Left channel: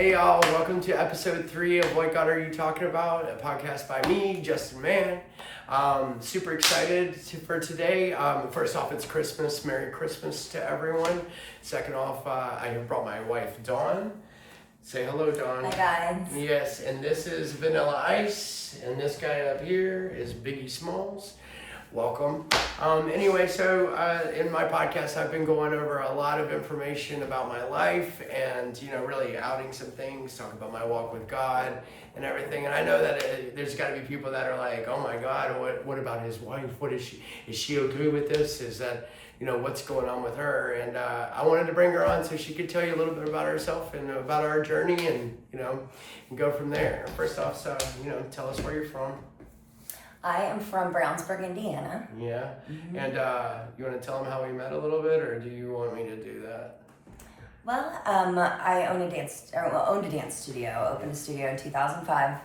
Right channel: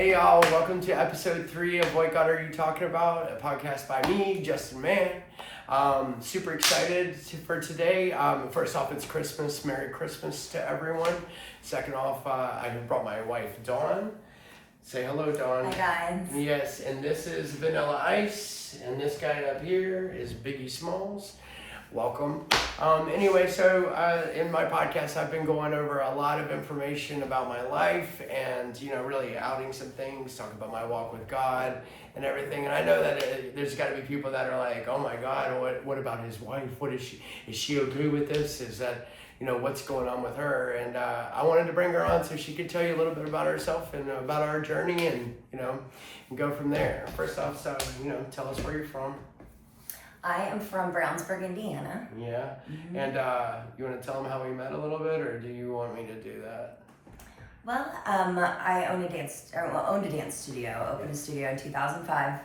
Hey y'all, welcome to episode 3 of What God Are You Talking About? A podcast by me, Justin Mann. Super excited for today. First off, it's Christmas. Merry Christmas to everyone. Second off, I have brought my wife, Dawn. Say hello, Dawn. Hi guys. Yes, and this is Vanilla Ice, and this guy up here is Biggie Smalls. Welcome. Anyway, so in my podcast, I've been going over a lot of information about my life and, really outing some things, talk about my walk with God and everything. And I know that there's got to be people that are like, oh my God, what about his wife? What is she okay with this? Is that, what's going on with her? And I wanted to bring her on so she could tell you a little bit about herself and about our journey and, and go from there. First off, so, tell us where you're from. I am from Brownsburg, Indiana. Yeah, and you want to tell them how we met a little bit, or do you want me to do that? Well, I owned a dance studio, opened a studio in 2005,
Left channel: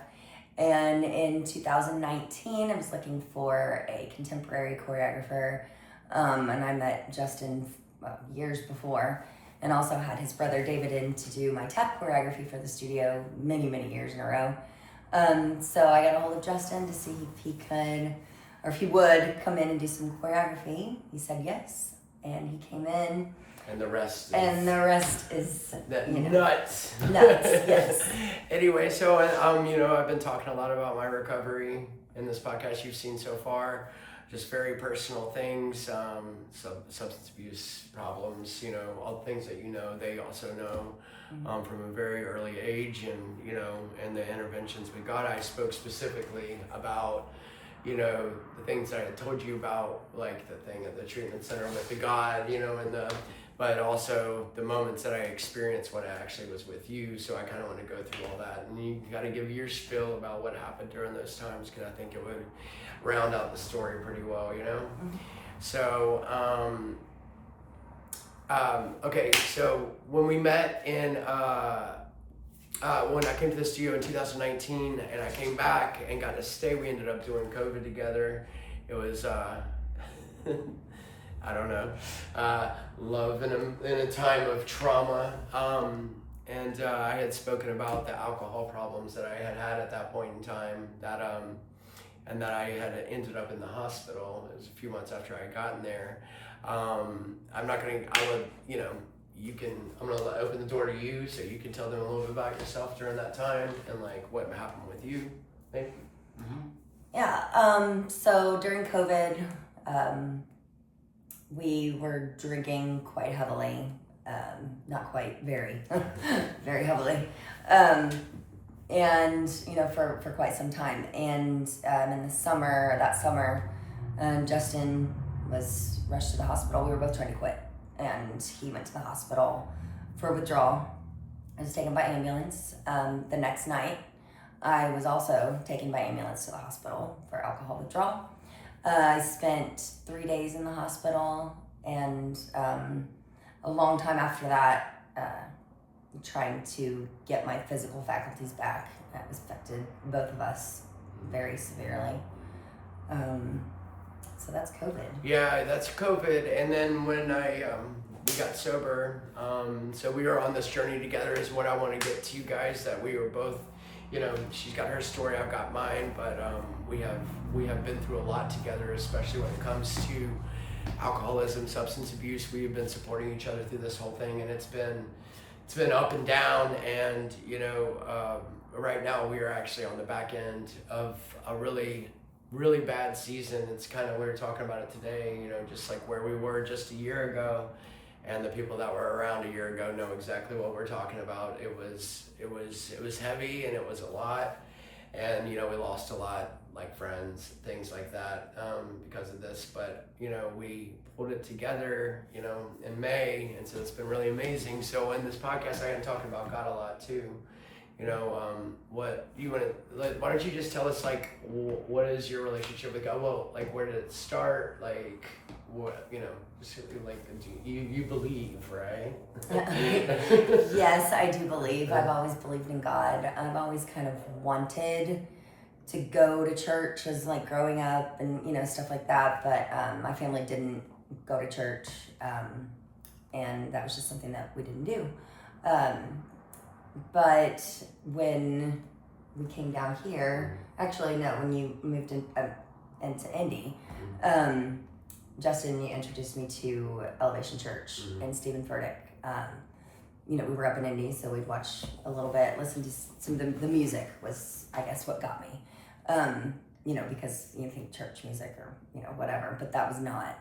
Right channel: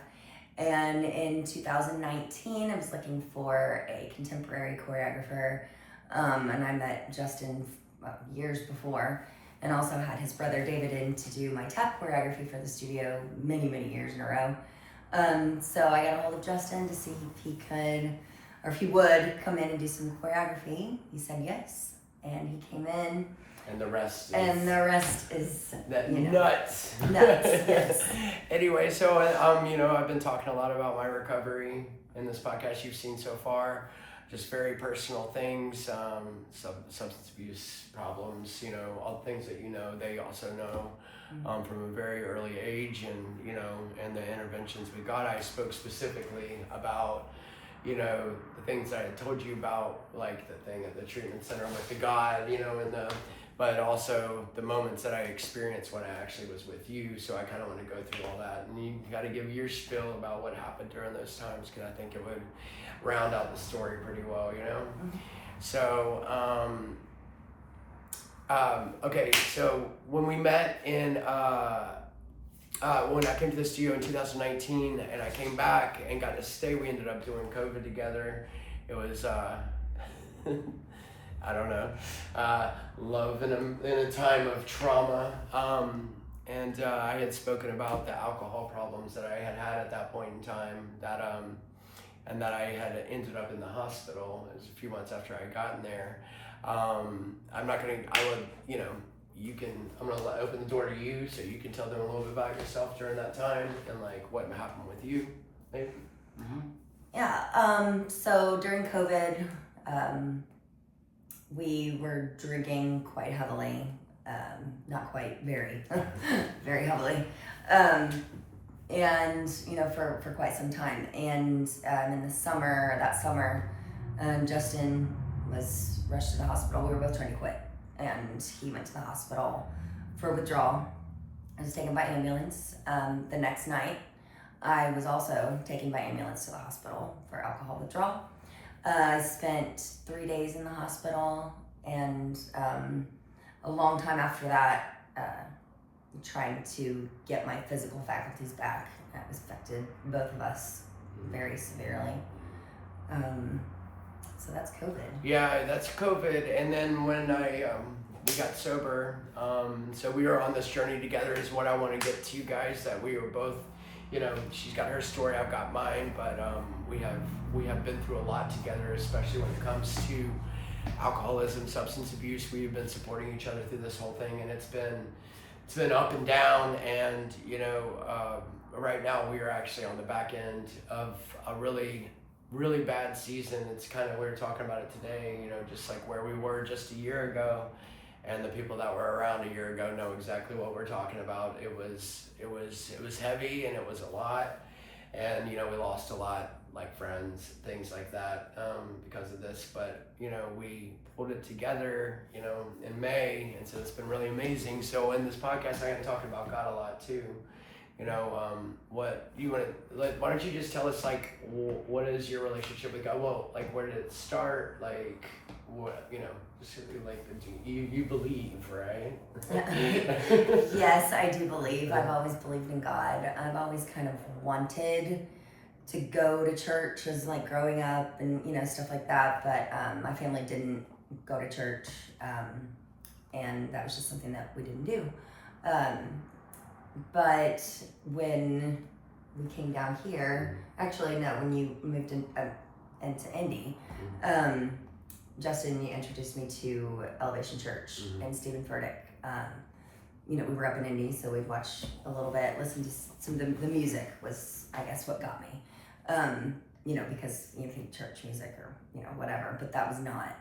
and in 2019 I was looking for a contemporary choreographer, and I met Justin years before, and also had his brother David in to do my tap choreography for the studio many years in a row. So I got a hold of Justin to see if he could, or if he would come in and do some choreography. He said yes, and he came in. And the rest is nuts. Nuts, yes. Anyway, so I've been talking a lot about my recovery in this podcast you've seen so far. Just very personal things, substance abuse problems, all the things that they also know. From a very early age, and the interventions we got. I spoke specifically about, the things that I told you about, like the thing at the treatment center with the God, but also the moments that I experienced when I actually was with you. So I kind of want to go through all that, and you got to give your spiel about what happened during those times, because I think it would round out the story pretty well, So, okay, so when we met when I came to the studio in 2019 and I came back and got to stay, we ended up doing COVID together. It was, I don't know, love in a time of trauma. And I had spoken about the alcohol problems that I had at that point in time, and that I had ended up in the hospital. It was a few months after I had gotten there. I'm gonna open the door to you so you can tell them a little bit about yourself during that time and like what happened with you, maybe. Yeah, so during COVID, we were drinking quite heavily, not quite, very, very heavily, and, for quite some time. And in the summer, Justin was rushed to the hospital. We were both trying to quit, and he went to the hospital for withdrawal. I was taken by ambulance. The next night, I was also taken by ambulance to the hospital for alcohol withdrawal. I spent 3 days in the hospital, and a long time after that, trying to get my physical faculties back. That was affected both of us very severely. So that's COVID. Yeah, that's COVID. And then when we got sober, so we were on this journey together is what I want to get to you guys, that we were both, she's got her story, I've got mine, but we have been through a lot together, especially when it comes to alcoholism, substance abuse. We've been supporting each other through this whole thing, and it's been up and down, and right now we are actually on the back end of a really bad season. It's kind of, we were talking about it today, just like where we were just a year ago, and the people that were around a year ago know exactly what we're talking about. It was heavy, and it was a lot, and we lost a lot, like friends, things like that, because of this, but we pulled it together in May, and so it's been really amazing. So in this podcast I am talking about God a lot too. What you want to, like, why don't you just tell us, like, what is your relationship with God? Well, like, where did it start? Like, what, just like, you believe, right? Yes, I do believe. I've always believed in God. I've always kind of wanted to go to church as like growing up and stuff like that, but my family didn't go to church, and that was just something that we didn't do. but when we came down here, actually no, when you moved into Indy, Justin, you introduced me to Elevation Church and Stephen Furtick. You know, we were up in Indy, so we'd watch a little bit, listen to some of the music was, I guess, what got me. You know, because you think church music or, you know, whatever, but that was not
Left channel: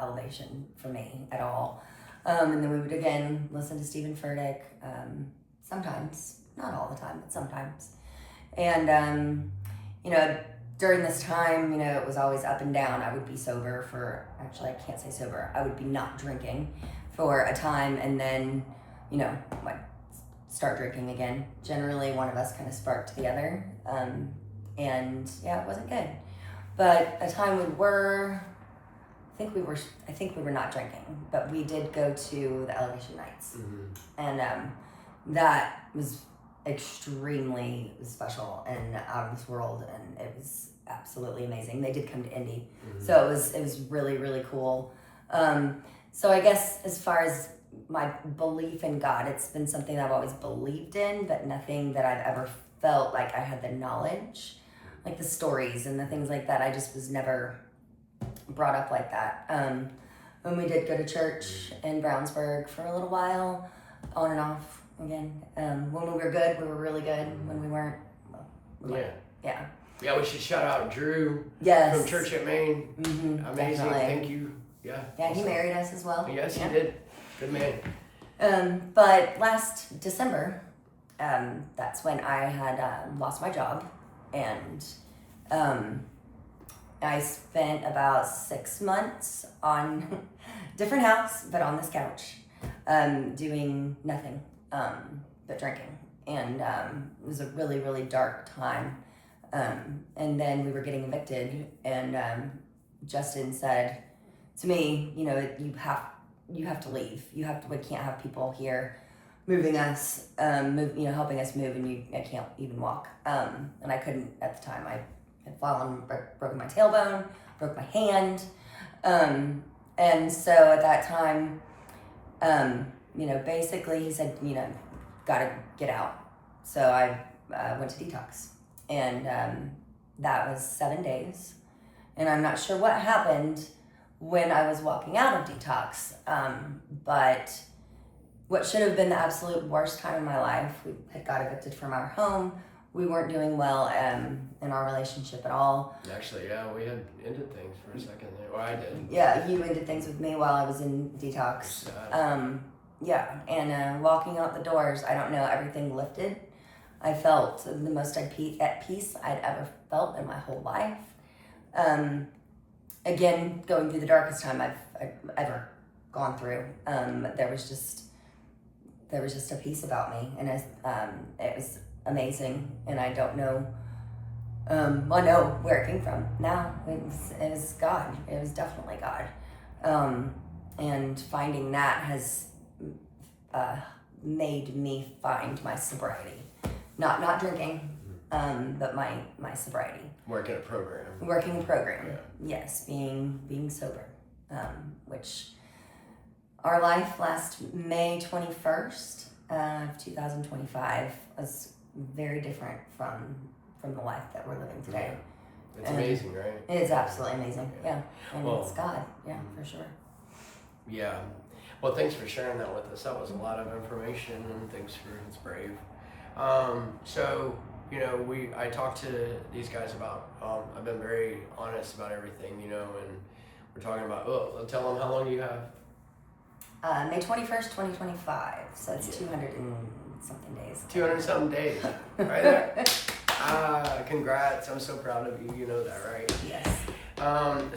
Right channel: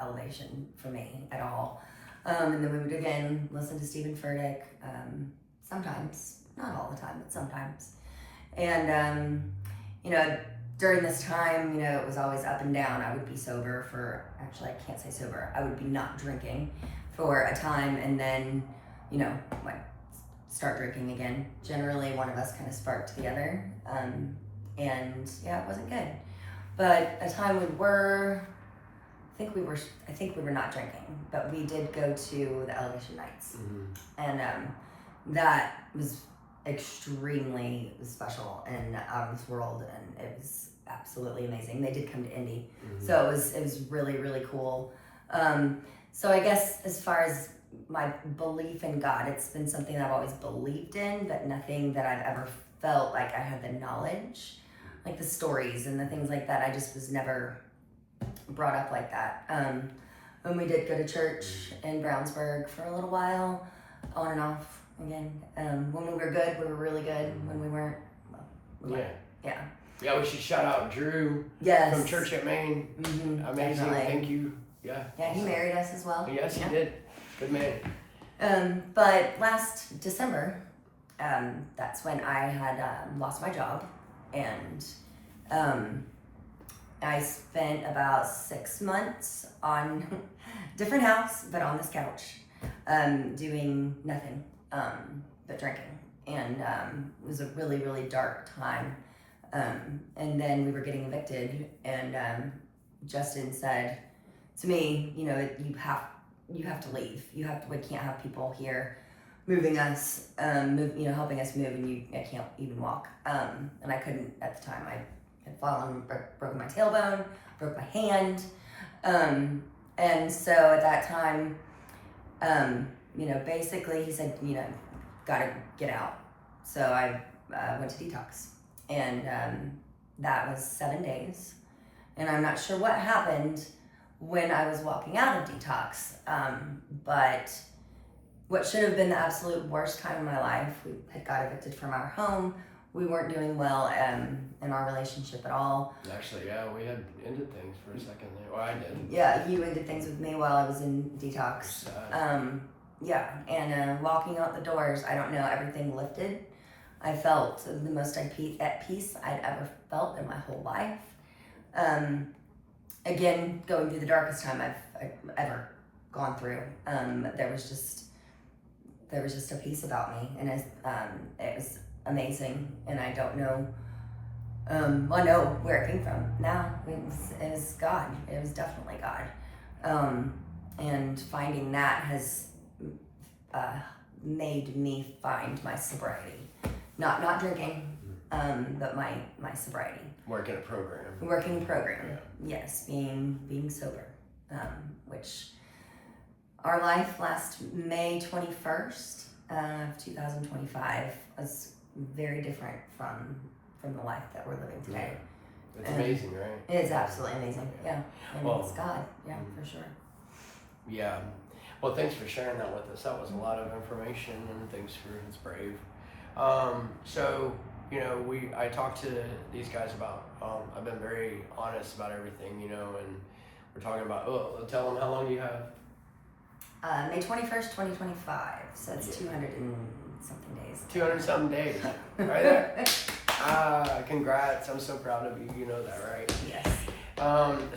Elevation for me at all. And then we would again listen to Stephen Furtick, sometimes, not all the time, but sometimes. And, you know, during this time, you know, it was always up and down. I would be sober for, actually, I can't say sober, I would be not drinking for a time, and then, you know, like start drinking again. Generally, one of us kind of sparked the other, and yeah, it wasn't good. But a time we were, I think we were not drinking, but we did go to the Elevation Nights, and that was extremely special and out of this world, and it was absolutely amazing. They did come to Indy, so it was really, really cool. So I guess as far as my belief in God, it's been something I've always believed in, but nothing that I've ever felt like I had the knowledge, like the stories and the things like that. I just was never brought up like that. When we did go to church in Brownsburg for a little while, on and off again. When we were good, we were really good. When we weren't, well, we weren't. Yeah. Yeah, we should shout out Drew from Church at Maine. Amazing, definitely. thank you. Yeah. Yeah, he married us as well. Yes, he did. Good man. But last December, that's when I had lost my job, and I spent about 6 months on different house, but on this couch, doing nothing but drinking, and it was a really, really dark time. And then we were getting evicted, and Justin said to me, you know, you have to leave. We can't have people here moving us, helping us move, and I can't even walk. And I couldn't at the time. I had fallen, broken my tailbone, broke my hand. And so at that time, basically he said, gotta get out. So I went to detox, and that was 7 days. And I'm not sure what happened when I was walking out of detox, but what should have been the absolute worst time in my life, we had got evicted from our home. We weren't doing well in our relationship at all. Actually, yeah, we had ended things for a second there. Well, I did. Yeah, you ended things with me while I was in detox. And walking out the doors, I don't know, everything lifted. I felt the most at peace I'd ever felt in my whole life. Again, going through the darkest time I've ever gone through. There was just a peace about me, and it was amazing. And I don't know. I know where it came from now. It was God. It was definitely God. And finding that has made me find my sobriety. Not drinking, but my sobriety. Working a program. Yeah. Yes, being sober, which our life last May 21st of 2025 was very different from the life that we're living today. Yeah. It's amazing, right? It is absolutely amazing. Yeah. And it's God. Yeah, for sure. Yeah. Well, thanks for sharing that with us. That was a lot of information, and thanks for it's brave. So, I talked to these guys about, I've been very honest about everything, and we're talking about, tell them how long you have. May 21st, 2025. So it's 200 and something days. 200 something days. Right there. Congrats. I'm so proud of you. You know that, right? Yes.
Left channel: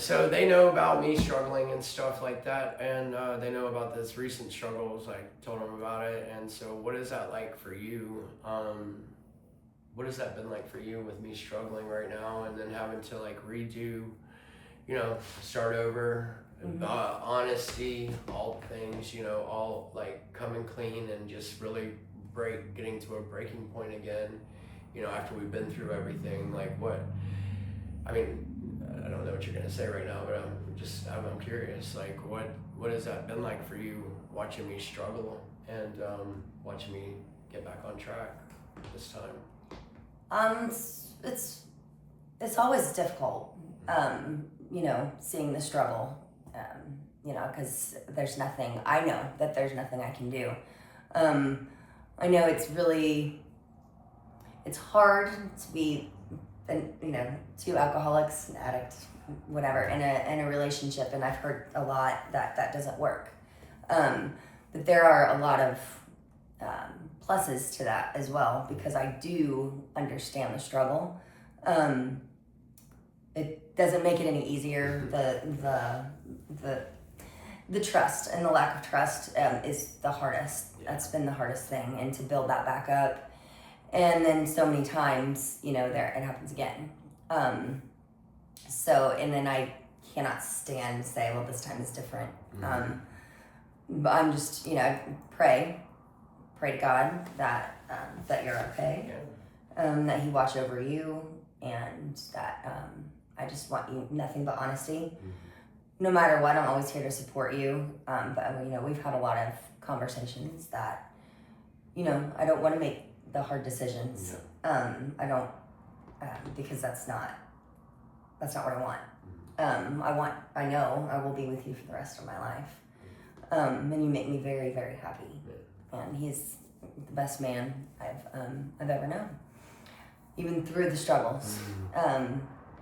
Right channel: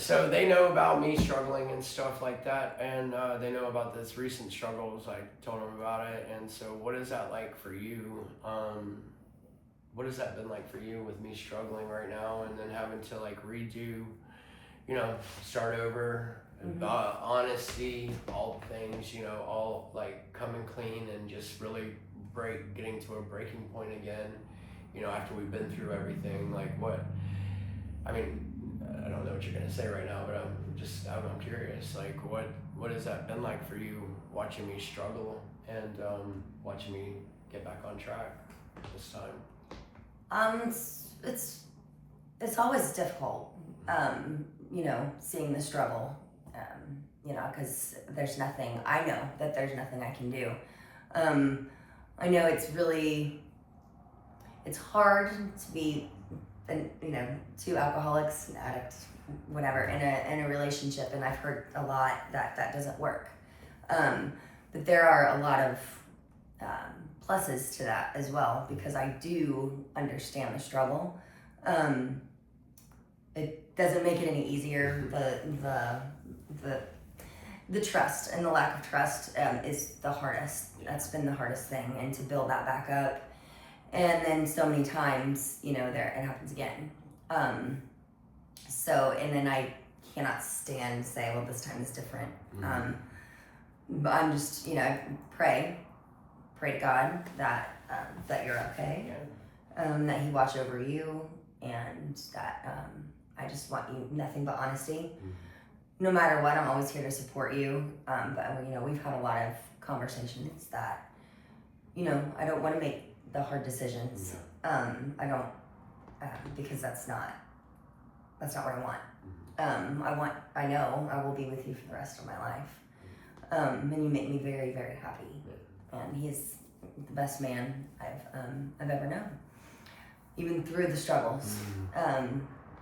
So they know about me struggling and stuff like that, and they know about this recent struggles. I told them about it, and so what is that like for you? What has that been like for you with me struggling right now, and then having to redo, start over, honesty, all things, all coming clean and just really getting to a breaking point again, after we've been through everything. I don't know what you're gonna say right now, but I'm curious. What has that been like for you, watching me struggle and watching me get back on track this time? It's always difficult, you know, seeing the struggle, you know, because I know that there's nothing I can do. I know it's hard to be, you know, two alcoholics, an addict, whatever, in a relationship, and I've heard a lot that doesn't work. But there are a lot of pluses to that as well, because I do understand the struggle. It doesn't make it any easier. The trust and the lack of trust is the hardest. Yeah. That's been the hardest thing, and to build that back up. And then so many times, you know, it happens again. And then I cannot stand to say, well, this time is different. But I'm just, you know, pray to God that you're okay, that He watch over you, and that I just want you nothing but honesty. No matter what, I'm always here to support you. But you know, we've had a lot of conversations that, you know, I don't want to make the hard decisions. I don't, because that's not what I want. I know I will be with you for the rest of my life. And you make me very, very happy. And He's the best man I've ever known, even through the struggles.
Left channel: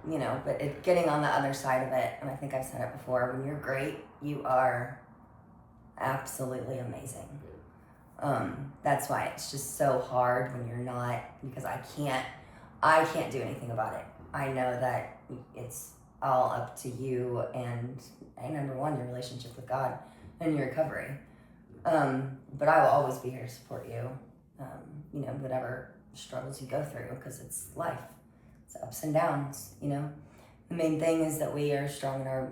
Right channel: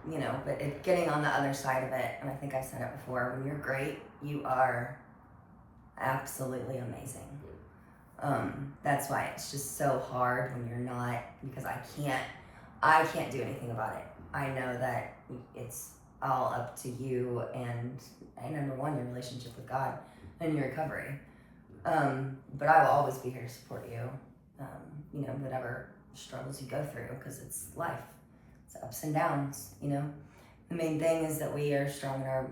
You know, but getting on the other side of it, and I think I've said it before, when you're great, you are absolutely amazing. That's why it's just so hard when you're not, because I can't do anything about it. I know that it's all up to you and number one, your relationship with God and your recovery. But I will always be here to support you, you know, whatever struggles you go through, because it's life. It's ups and downs, you know. The main thing is that we are strong in our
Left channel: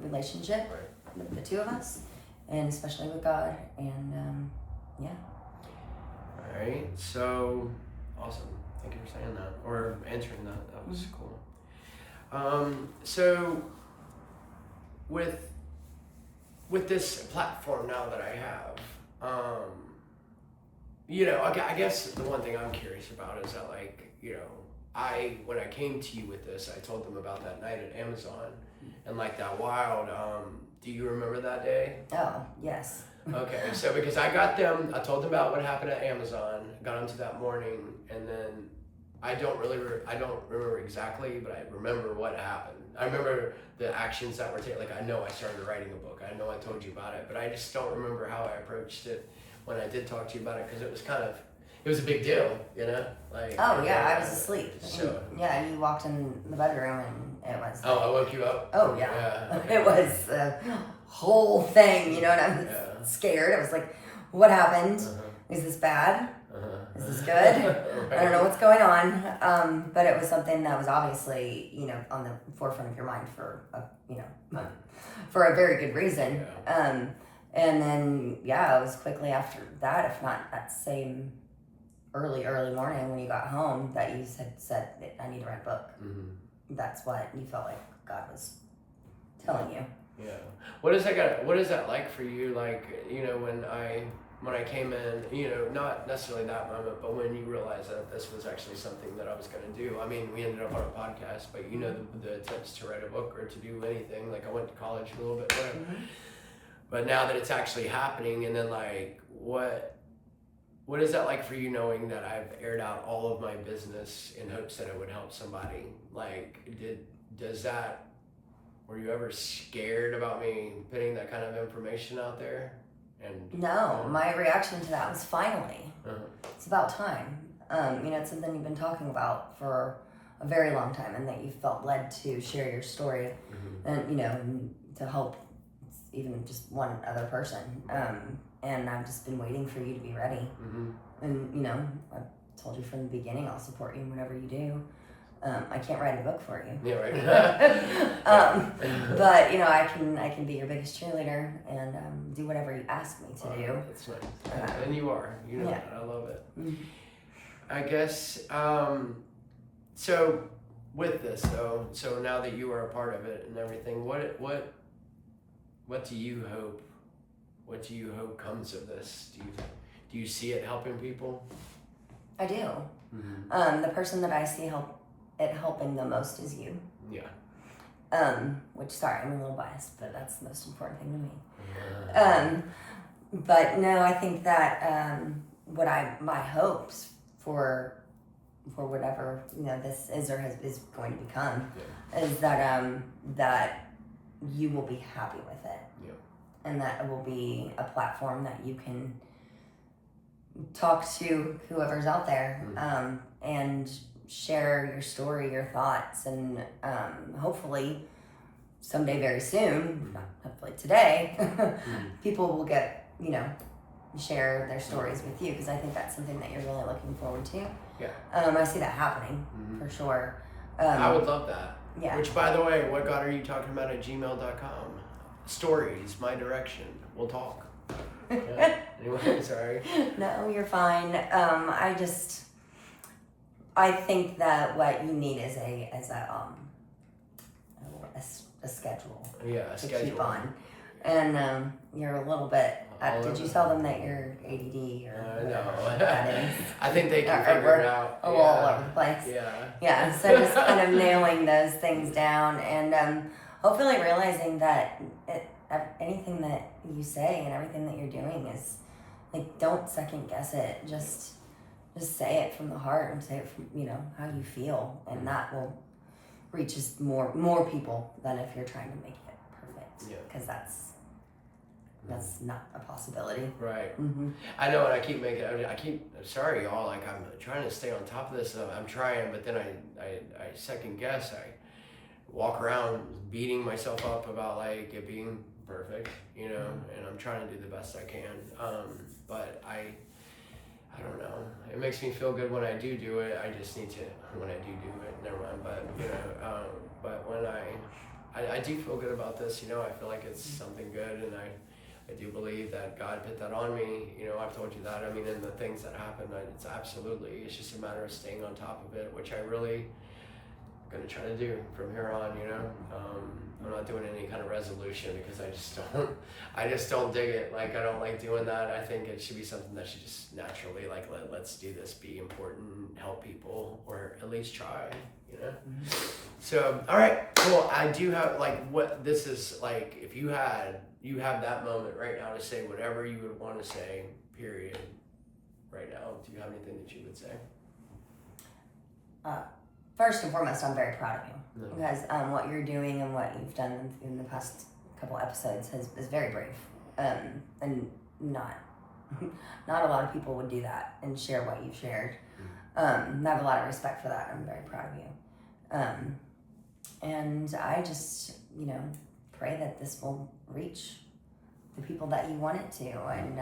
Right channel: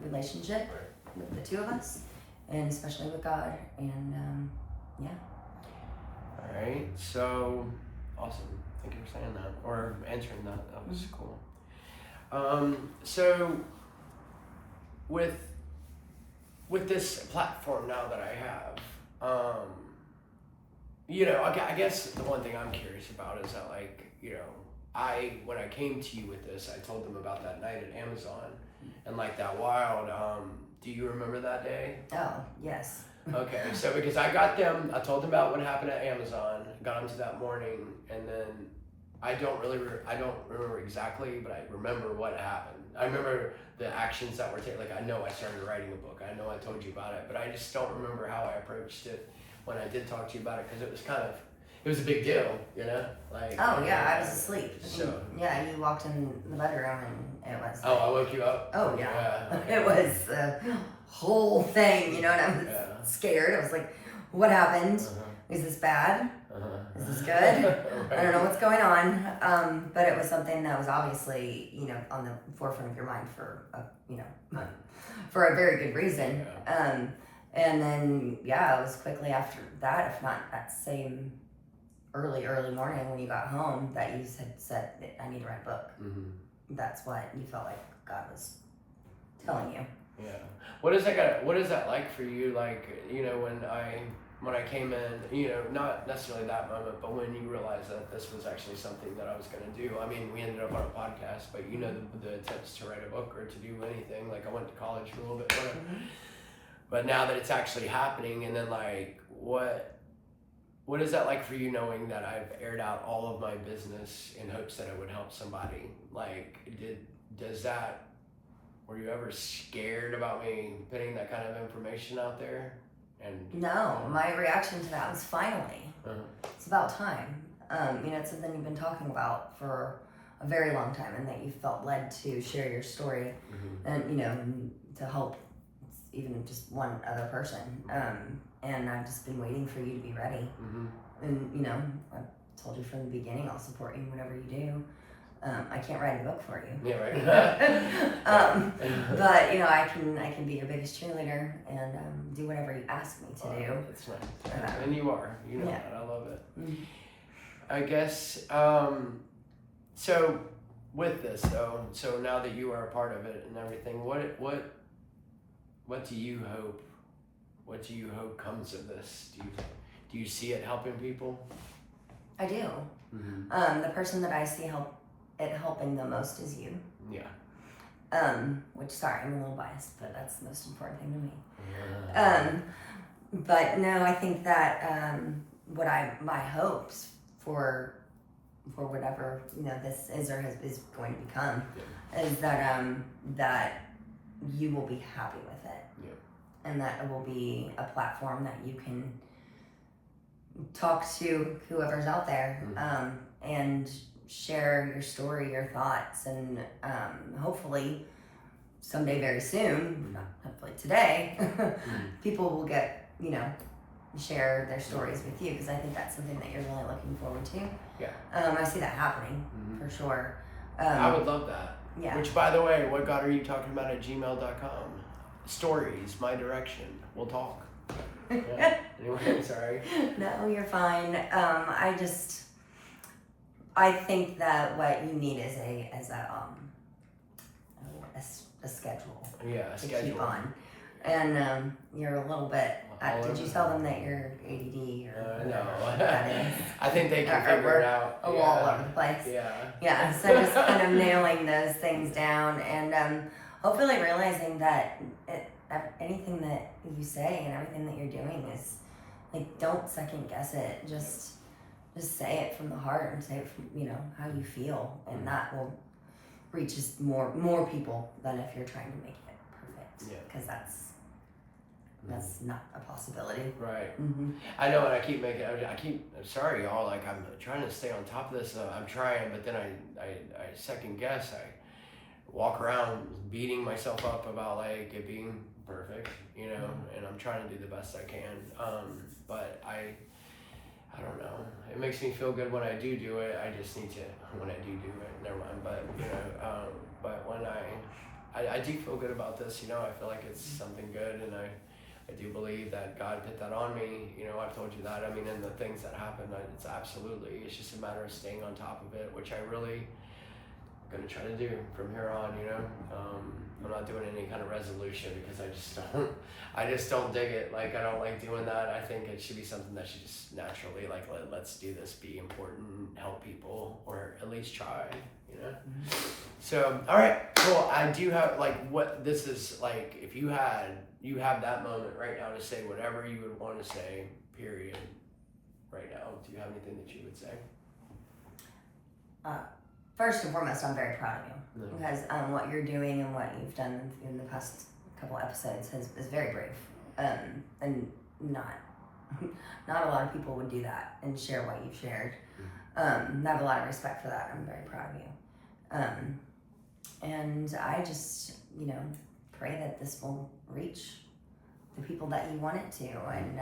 relationship with the two of us, and especially with God, and yeah. All right, so awesome. Thank you for saying that, or answering that. That was cool. So with this platform now that I have, you know, I guess the one thing I'm curious about is that, like, you know, when I came to you with this, I told them about that night at Amazon and like that wild, do you remember that day? Oh, yes. Okay, so because I told them about what happened at Amazon, got them to that morning, and then I don't remember exactly, but I remember what happened. I remember the actions that were taken. Like, I know I started writing a book. I know I told you about it, but I just don't remember how I approached it when I did talk to you about it, because it was a big deal, you know? Like, oh yeah, I was asleep. So yeah, you walked in the bedroom and it was. Oh, I woke you up? Oh yeah. Yeah, okay. It was a whole thing, you know, and I was scared. I was like, what happened? Is this bad? Is this good? Right. I don't know what's going on. But it was something that was obviously, you know, on the forefront of your mind for for a very good reason. Yeah. And then, yeah, it was quickly after that, if not that same early morning when you got home, that you said that I need to write a book. That's what you felt like God was telling you. Yeah. What is that like for you? Like, you know, when I came in, you know, not necessarily that moment, but when you realized that this was actually something that I was going to do. I mean, we ended up on a podcast, but you know, the attempts to write a book or to do anything, like I went to college for a little bit, whatever. But now that it's actually happening, and then like, what is that like for you, knowing that I've aired out all of my business in hopes that it would help somebody? Like, were you ever scared about me putting that kind of information out there? And no, my reaction to that was finally. It's about time. You know, it's something you've been talking about for a very long time, and that you felt led to share your story, and you know, to help even just one other person. And I've just been waiting for you to be ready. And you know, I told you from the beginning, I'll support you whenever you do. I can't write a book for you. Yeah, right. But you know, I can be your biggest cheerleader and do whatever you ask me to do. That's nice. And you are. You know that. I love it. I guess. So with this though, so now that you are a part of it and everything, what do you hope? What do you hope comes of this? Do you see it helping people? I do. The person that I see helping the most is you. Yeah. Which, sorry, I'm a little biased, but that's the most important thing to me. But no, I think that my hopes for whatever this is or is going to become is that that you will be happy with it, and that it will be a platform that you can talk to whoever's out there, and share your story, your thoughts, and hopefully someday very soon, hopefully today, people will get share their stories with you, because I think that's something that you're really looking forward to. Yeah. I see that happening for sure. I would love that. Yeah. Which, by the way, what God are you talking about at gmail.com? Stories, my direction. We'll talk. Yeah. Anyway, sorry. No, you're fine. I think that what you need is a schedule. Yeah, a to schedule. keep on. And you're a little bit. All Did you over. tell them that you're ADD or No. whatever that is? I think they can Or figure we're it out. all over the place. Yeah. Yeah, so just kind of nailing those things down, and hopefully realizing that anything that you say and everything that you're doing is like, don't second guess it. Just say it from the heart, and say it from how you feel, and that will reach more people than if you're trying to make it perfect. Yeah. Because that's not a possibility. Right. Mm-hmm. I know, and I keep sorry, y'all. Like, I'm trying to stay on top of this. I'm trying, but then I second guess. I walk around beating myself up about like it being perfect, and I'm trying to do the best I can. But I don't know. It makes me feel good when I do it. I just need to, when I do it, never mind. But, but when I do feel good about this, I feel like it's something good, and I do believe that God put that on me. I've told you that. I mean, and the things that happen, it's just a matter of staying on top of it, which I really going to try to do from here on. I'm not doing any kind of resolution, because I just don't dig it. Like, I don't like doing that. I think it should be something that should just naturally, like, let's do this, be important, help people, or at least try, So, all right, cool. I do have, like, what this is like, if you have that moment right now to say whatever you would want to say, period, right now. Do you have anything that you would say? First and foremost, I'm very proud of you, No. because what you're doing and what you've done in the past couple episodes is very brave, and not a lot of people would do that and share what you've shared. I have a lot of respect for that. I'm very proud of you, and I just pray that this will reach the people that you want it to, and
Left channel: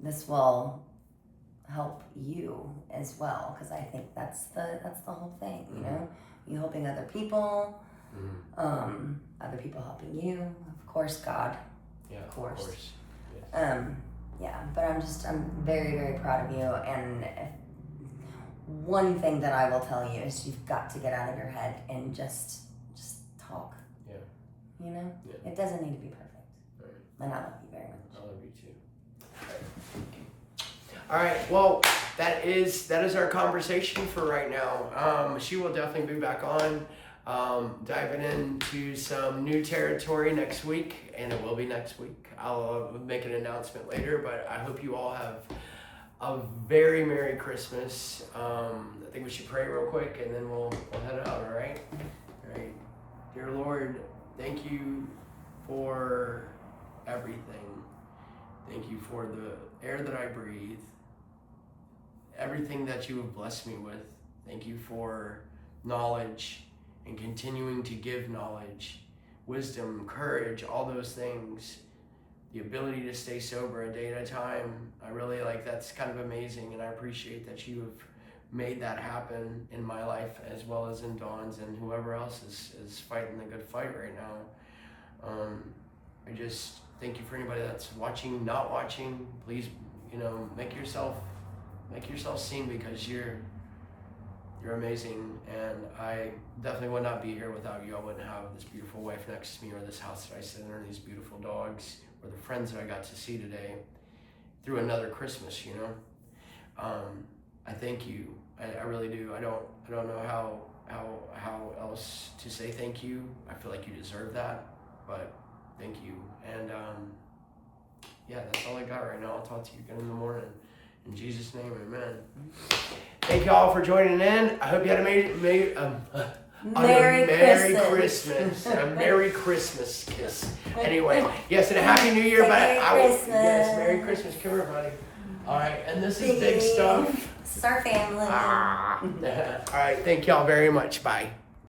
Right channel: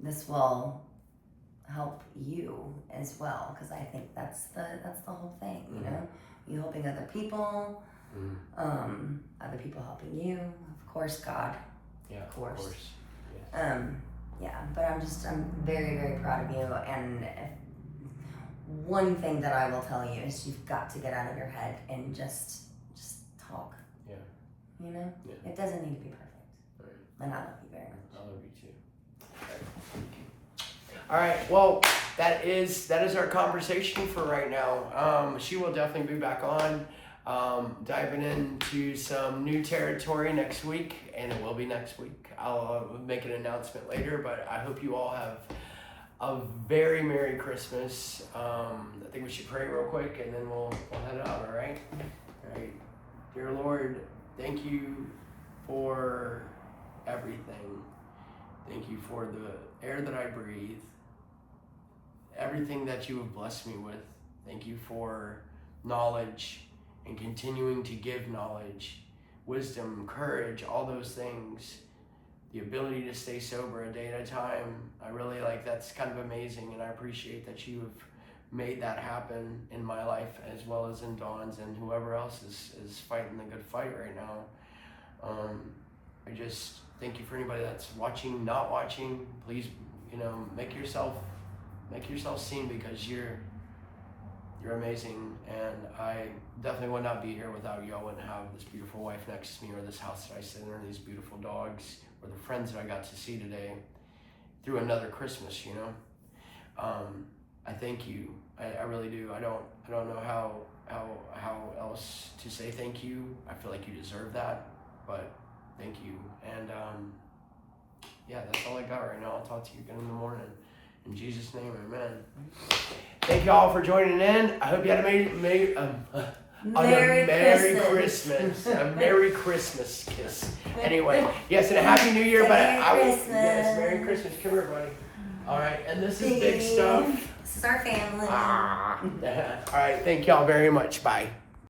this will help you as well, because I think that's the whole thing. You helping other people, other people helping you, of course God, Yeah, of course. Yes. Yeah, but I'm very, very proud of you, and one thing that I will tell you is you've got to get out of your head and just talk. Yeah. Yeah. It doesn't need to be perfect. Right. And I love you very much. I love you too. All right. Well, that is our conversation for right now. She will definitely be back on, diving into some new territory next week, and it will be next week. I'll make an announcement later, but I hope you all have a very Merry Christmas. I think we should pray real quick, and then we'll head out. All right. All right. Dear Lord, thank you for everything. Thank you for the air that I breathe, everything that you have blessed me with. Thank you for knowledge and continuing to give knowledge, wisdom, courage, all those things, the ability to stay sober a day at a time. I really that's kind of amazing, and I appreciate that you have made that happen in my life as well as in Dawn's and whoever else is fighting the good fight right now. I just thank you for anybody that's watching, not watching. Please, make yourself seen, because you're amazing, and I definitely would not be here without you. I wouldn't have this beautiful wife next to me, or this house that I sit in, or these beautiful dogs, or the friends that I got to see today. through another Christmas, you know. I thank you. I really do. I don't know how else to say thank you. I feel like you deserve that, but thank you. And yeah, that's all I got right now. I'll talk to you again in the morning. In Jesus' name, amen. Thank you all for joining in. I hope you had a Merry Christmas. A Merry Christmas kiss. Anyway, yes, and a Happy New Year. Yes, Merry Christmas. Come here, buddy. All right, and this is big stuff. This is our family. All right, thank y'all very much. Bye.